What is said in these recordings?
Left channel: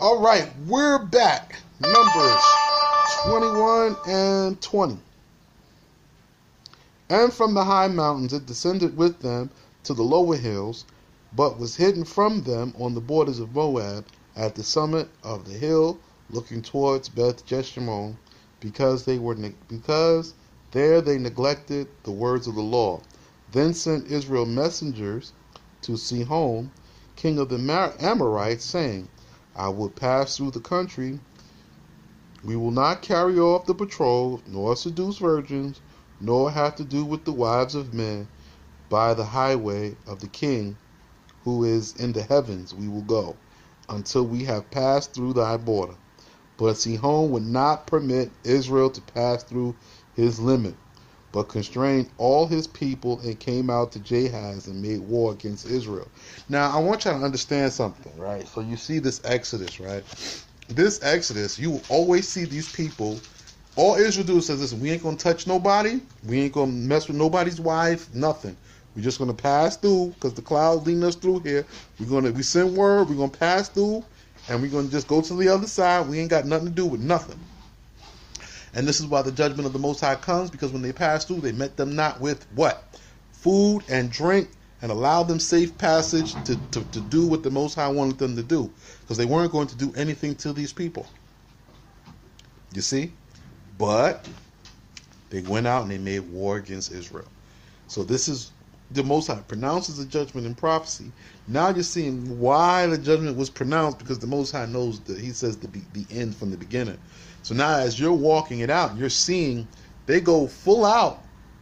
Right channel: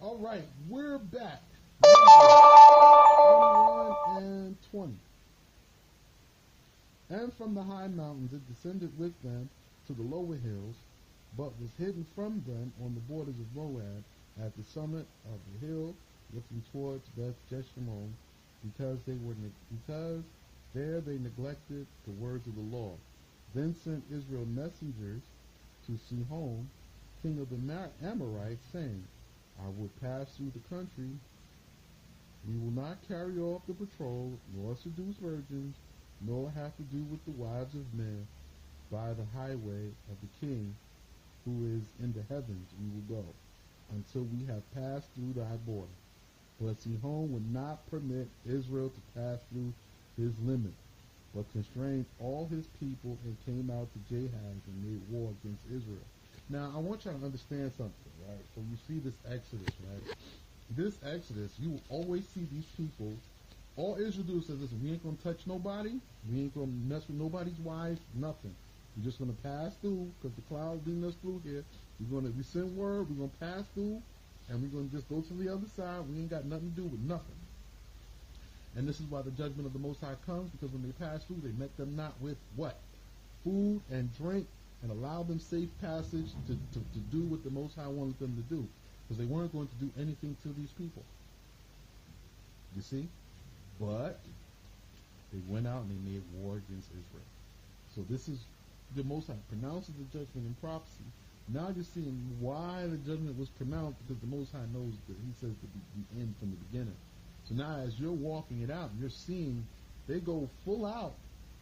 All right, we're back. Numbers 21 and 20. And from the high mountains it descended with them to the lower hills, but was hidden from them on the borders of Moab, at the summit of the hill looking towards Beth Jeshimon, because there they neglected the words of the law. Then sent Israel messengers to Sihon, king of the Amorites, saying, I will pass through the country. We will not carry off the betrothed, nor seduce virgins, nor have to do with the wives of men. By the highway of the King who is in the heavens we will go, until we have passed through thy border. But Sihon would not permit Israel to pass through his limit, but constrained all his people and came out to Jahaz and made war against Israel. Now, I want you to understand something, right? So you see this Exodus, right? This Exodus, you will always see these people. All Israel do is says, listen, we ain't going to touch nobody. We ain't going to mess with nobody's wife, nothing. We're just going to pass through because the cloud's leading us through here. We send word, we're going to pass through, and we're going to just go to the other side. We ain't got nothing to do with nothing. And this is why the judgment of the Most High comes, because when they passed through, they met them not with what? Food and drink, and allowed them safe passage to do what the Most High wanted them to do, because they weren't going to do anything to these people. You see? But they went out and they made war against Israel. So this is the Most High pronounces the judgment in prophecy. Now you're seeing why the judgment was pronounced, because the Most High knows that he says the end from the beginning. So now as you're walking it out, you're seeing they go full out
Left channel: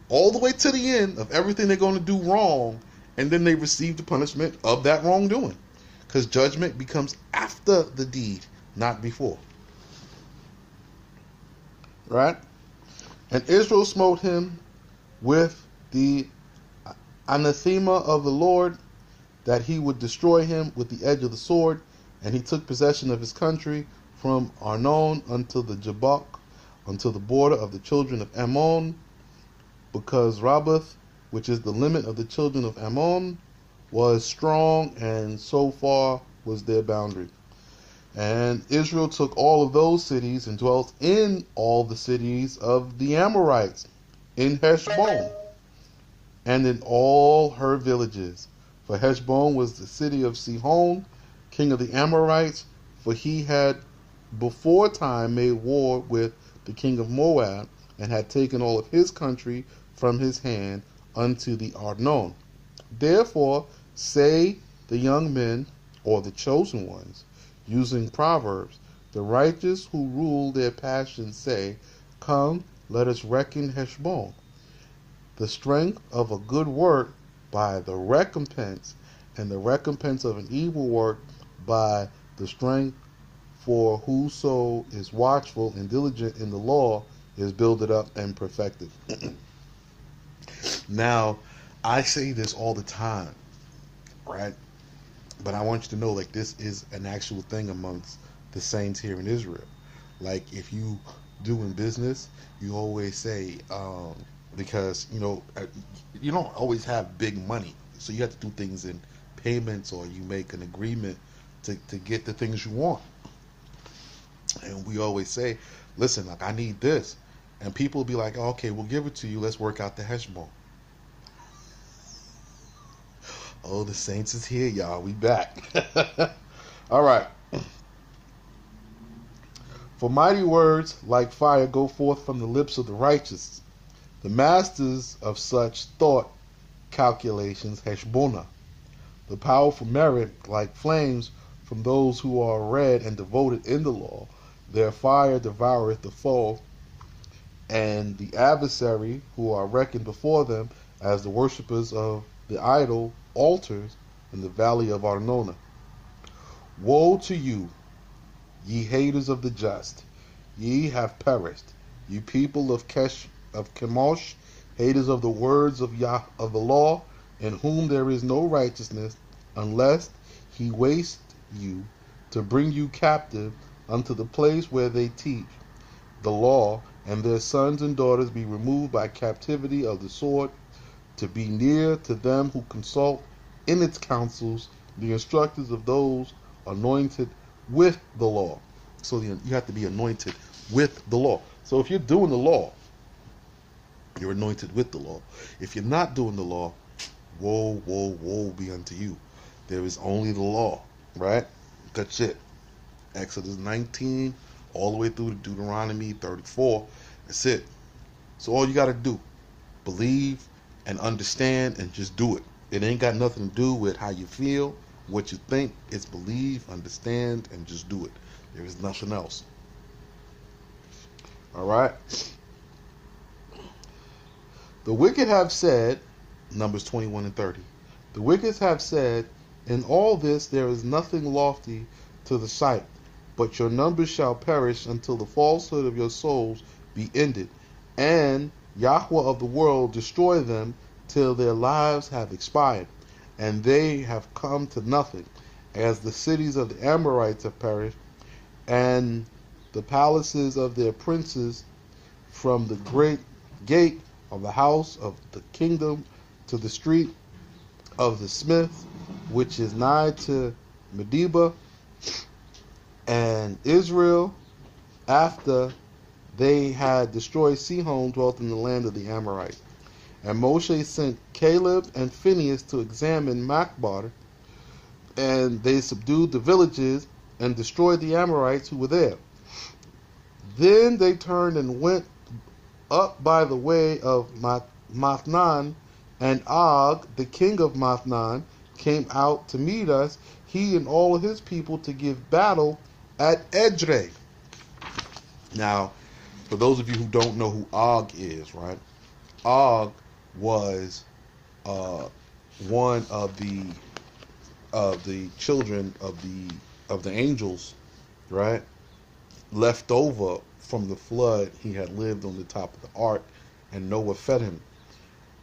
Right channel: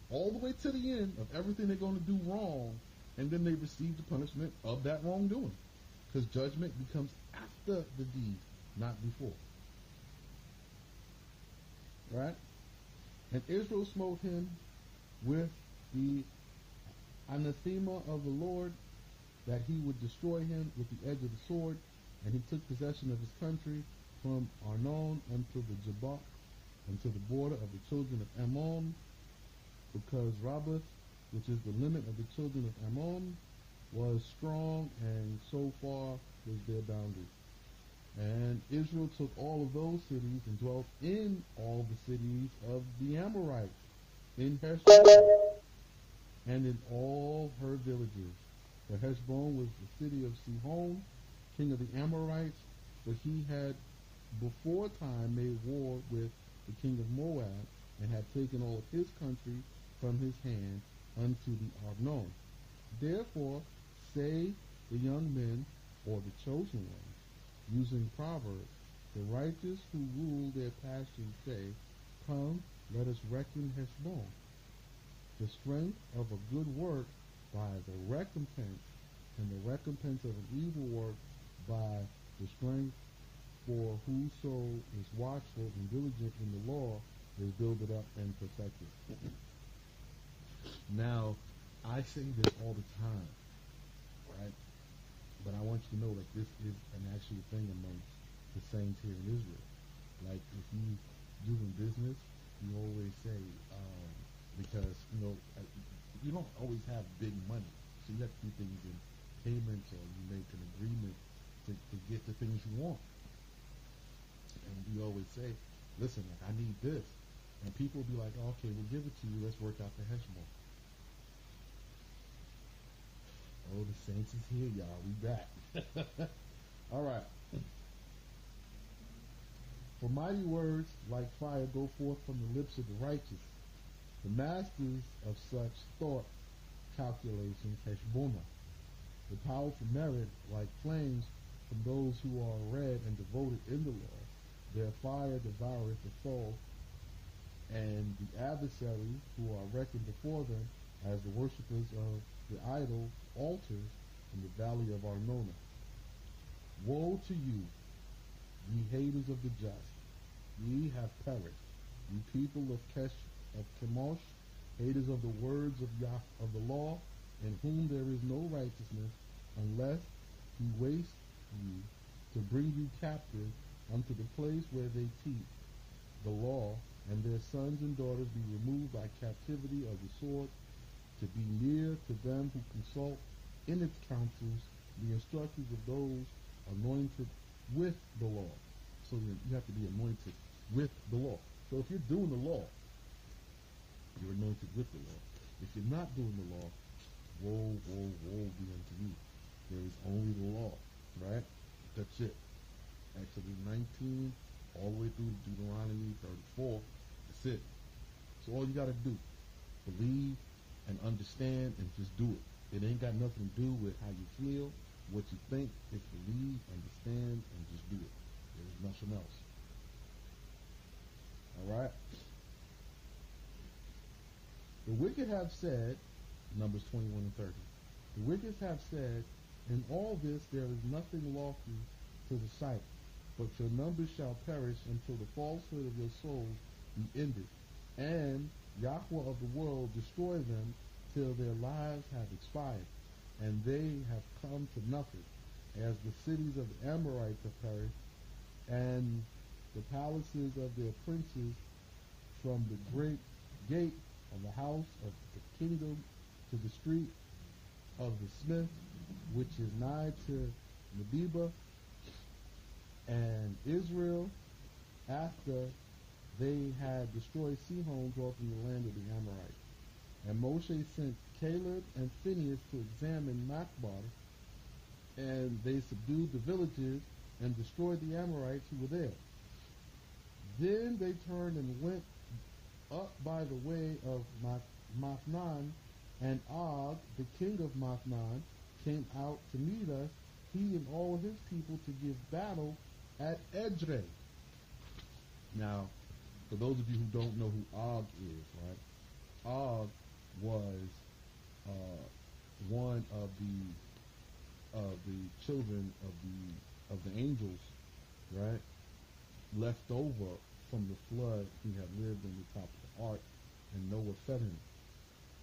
all the way to the end of everything they're going to do wrong, and then they receive the punishment of that wrongdoing, because judgment becomes after the deed, not before. Right? And Israel smote him with the anathema of the Lord, that he would destroy him with the edge of the sword. And he took possession of his country from Arnon unto the Jabbok, unto the border of the children of Ammon, because Rabbath, which is the limit of the children of Ammon, was strong, and so far was their boundary. And Israel took all of those cities and dwelt in all the cities of the Amorites, in Heshbon, and in all her villages. For Heshbon was the city of Sihon, king of the Amorites, for he had before time made war with the king of Moab, and had taken all of his country from his hand unto the Arnon. Therefore say the young men, or the chosen ones, using proverbs, the righteous who rule their passions say, come, let us reckon Heshbon, the strength of a good work by the recompense, and the recompense of an evil work by the strength. For whoso is watchful and diligent in the law is builded up and perfected. Now, I say this all the time, right? But I want you to know, like, this is an actual thing amongst the saints here in Israel. Like, if you doing business, you always say, because, you don't always have big money. So you have to do things in payments, or you make an agreement to get the things you want. And we always say, listen, like, I need this. And people will be like, okay, we'll give it to you. Let's work out the Heshbon. Oh, the saints is here, y'all. We back. All right. For mighty words like fire go forth from the lips of the righteous. The masters of such thought calculations, Heshbonah. The powerful merit like flames from those who are read and devoted in the law. Their fire devoureth the foe, and the adversary who are reckoned before them as the worshippers of the idol altars in the valley of Arnona. Woe to you, ye haters of the just! Ye have perished, ye people of Chemosh, haters of the words of of the law, in whom there is no righteousness, unless he waste you to bring you captive unto the place where they teach the law, and their sons and daughters be removed by captivity of the sword, to be near to them who consult in its counsels, the instructors of those anointed with the law. So you have to be anointed with the law. So if you're doing the law, you're anointed with the law. If you're not doing the law, woe, woe, woe be unto you. There is only the law, right? That's it. Exodus 19, all the way through to Deuteronomy 34. That's it. So all you got to do, believe and understand and just do it. It ain't got nothing to do with how you feel, what you think. It's believe, understand, and just do it. There is nothing else. All right? The wicked have said, Numbers 21 and 30, the wicked have said, in all this there is nothing lofty to the sight, but your numbers shall perish until the falsehood of your souls be ended, and Yahweh of the world destroy them till their lives have expired, and they have come to nothing, as the cities of the Amorites have perished, and the palaces of their princes, from the great gate of the house of the kingdom to the street of the smith, which is nigh to Medeba. And Israel, after they had destroyed Sihon, dwelt in the land of the Amorites. And Moshe sent Caleb and Phinehas to examine Machbar, and they subdued the villages and destroyed the Amorites who were there. Then they turned and went up by the way of Mathnan, and Og, the king of Mathnan, came out to meet us, he and all of his people, to give battle at Edrei. Now, for those of you who don't know who Og is, right? Og was one of the children of the angels, right? Left over from the flood. He had lived on the top of the ark, and Noah fed him.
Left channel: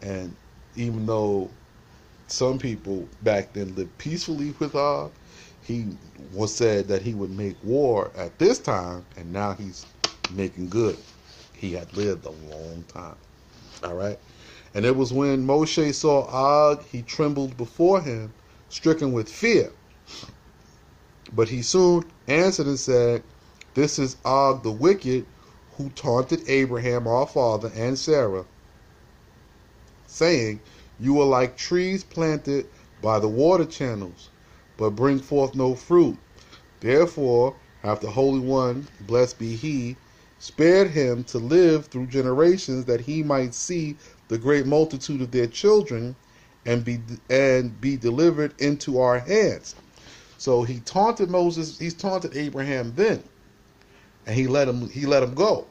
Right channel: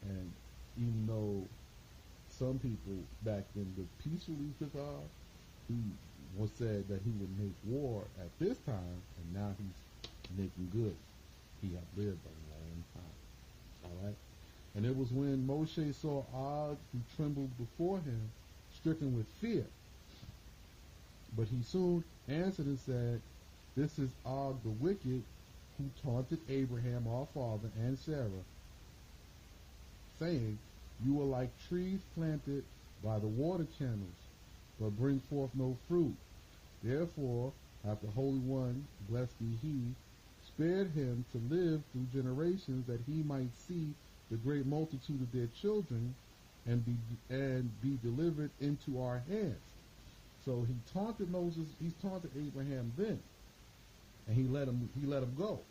And even though some people back then lived peacefully with Og, he was said that he would make war at this time, and now he's making good. He had lived a long time. All right. And it was when Moshe saw Og, he trembled before him, stricken with fear. But he soon answered and said, this is Og the wicked, who taunted Abraham our father and Sarah, saying, you are like trees planted by the water channels, but bring forth no fruit. Therefore hath the Holy One, blessed be he, spared him to live through generations, that he might see the great multitude of their children, and be delivered into our hands. So he taunted Moses, he's taunted Abraham then, and he let him go.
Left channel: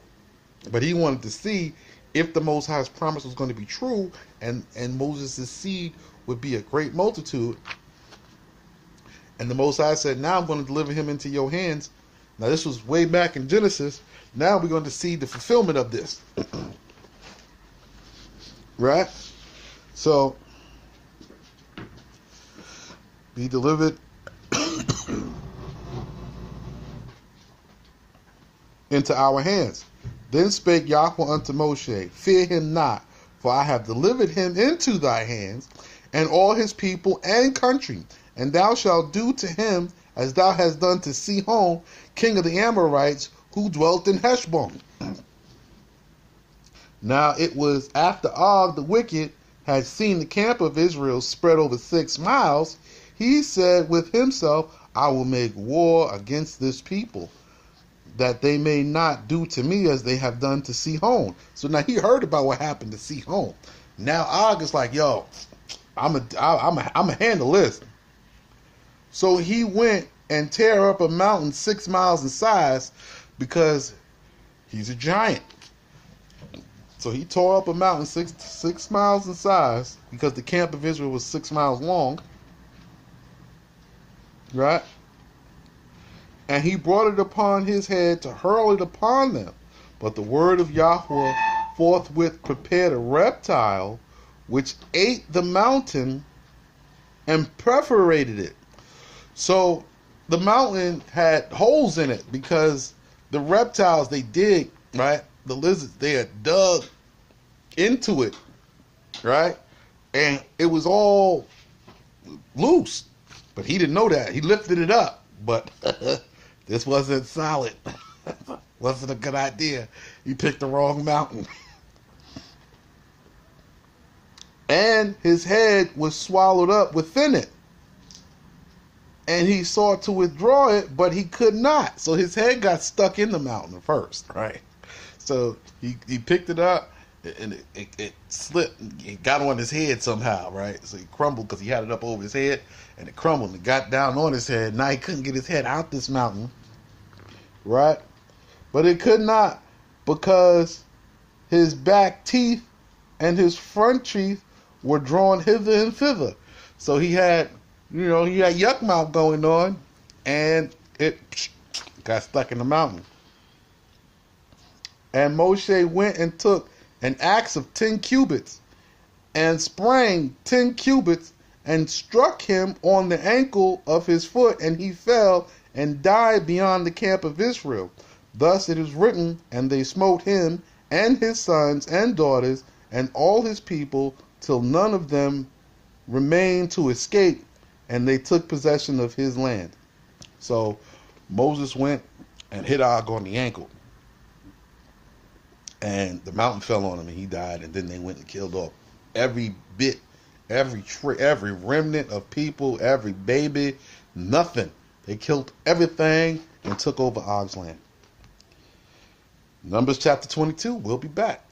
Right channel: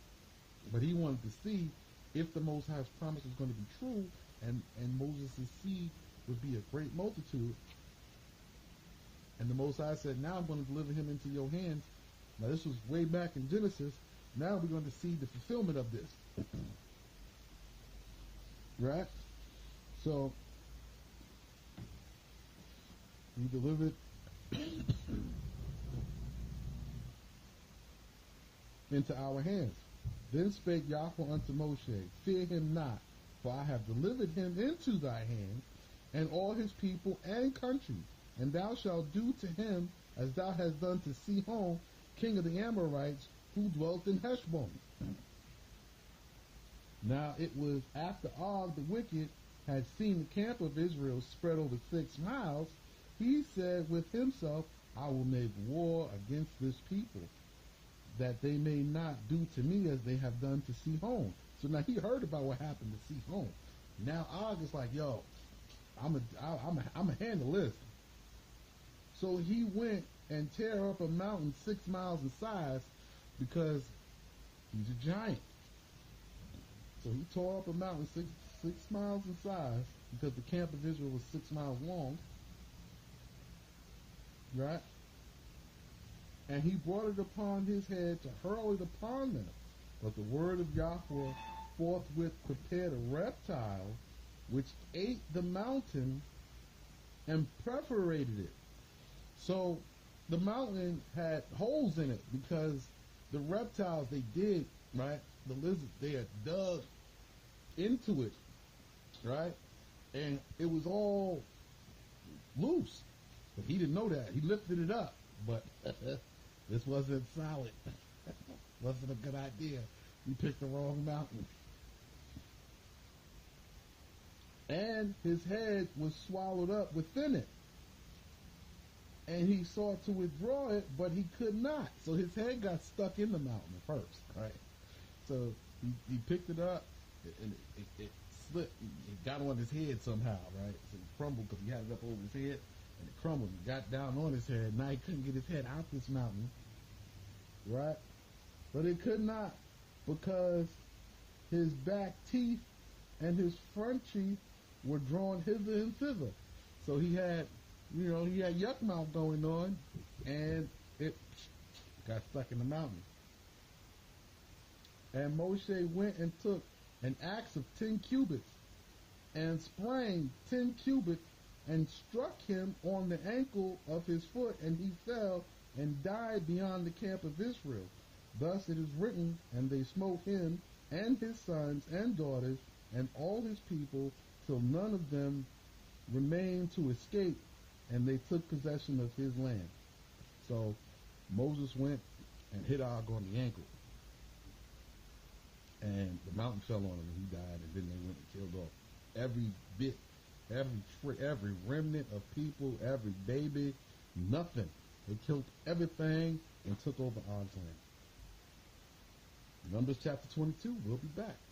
But he wanted to see if the Most High's promise was going to be true, and Moses' seed would be a great multitude. And the Most High said, now I'm going to deliver him into your hands. Now this was way back in Genesis. Now we're going to see the fulfillment of this. Right? So, be delivered into our hands. Then spake Yahweh unto Moshe, fear him not, for I have delivered him into thy hands, and all his people and country, and thou shalt do to him as thou hast done to Sihon, king of the Amorites, who dwelt in Heshbon. Now it was after Og the wicked had seen the camp of Israel spread over 6 miles, he said with himself, I will make war against this people, that they may not do to me as they have done to Sihon. So now he heard about what happened to Sihon. Now Og is like, yo, I'm a handle this. So he went and tear up a mountain 6 miles in size, because he's a giant. So he tore up a mountain six miles in size, because the camp of Israel was 6 miles long. Right? And he brought it upon his head to hurl it upon them. But the word of Yahweh forthwith prepared a reptile, which ate the mountain and perforated it. So the mountain had holes in it, because the reptiles, they dig, right? The lizards, they had dug into it, right? And it was all loose. But he didn't know that. He lifted it up. But This wasn't solid. Wasn't a good idea. You picked the wrong mountain. And his head was swallowed up within it. And he sought to withdraw it, but he could not. So his head got stuck in the mountain first, right? So he picked it up, and it slipped. It got on his head somehow, right? So he crumbled because he had it up over his head, and it crumbled and got down on his head. Now he couldn't get his head out this mountain, right? But it could not, because his back teeth and his front teeth were drawn hither and thither. So he had yuck mouth going on, and it got stuck in the mountain. And Moshe went and took an axe of 10 cubits and sprang 10 cubits and struck him on the ankle of his foot, and he fell and died beyond the camp of Israel. Thus it is written, and they smote him and his sons and daughters and all his people till none of them remained to escape, and they took possession of his land. So Moses went and hit Og on the ankle, and the mountain fell on him, and he died. And then they went and killed off every bit, every remnant of people, every baby, nothing. They killed everything and took over Og's land. Numbers chapter 22. We'll be back.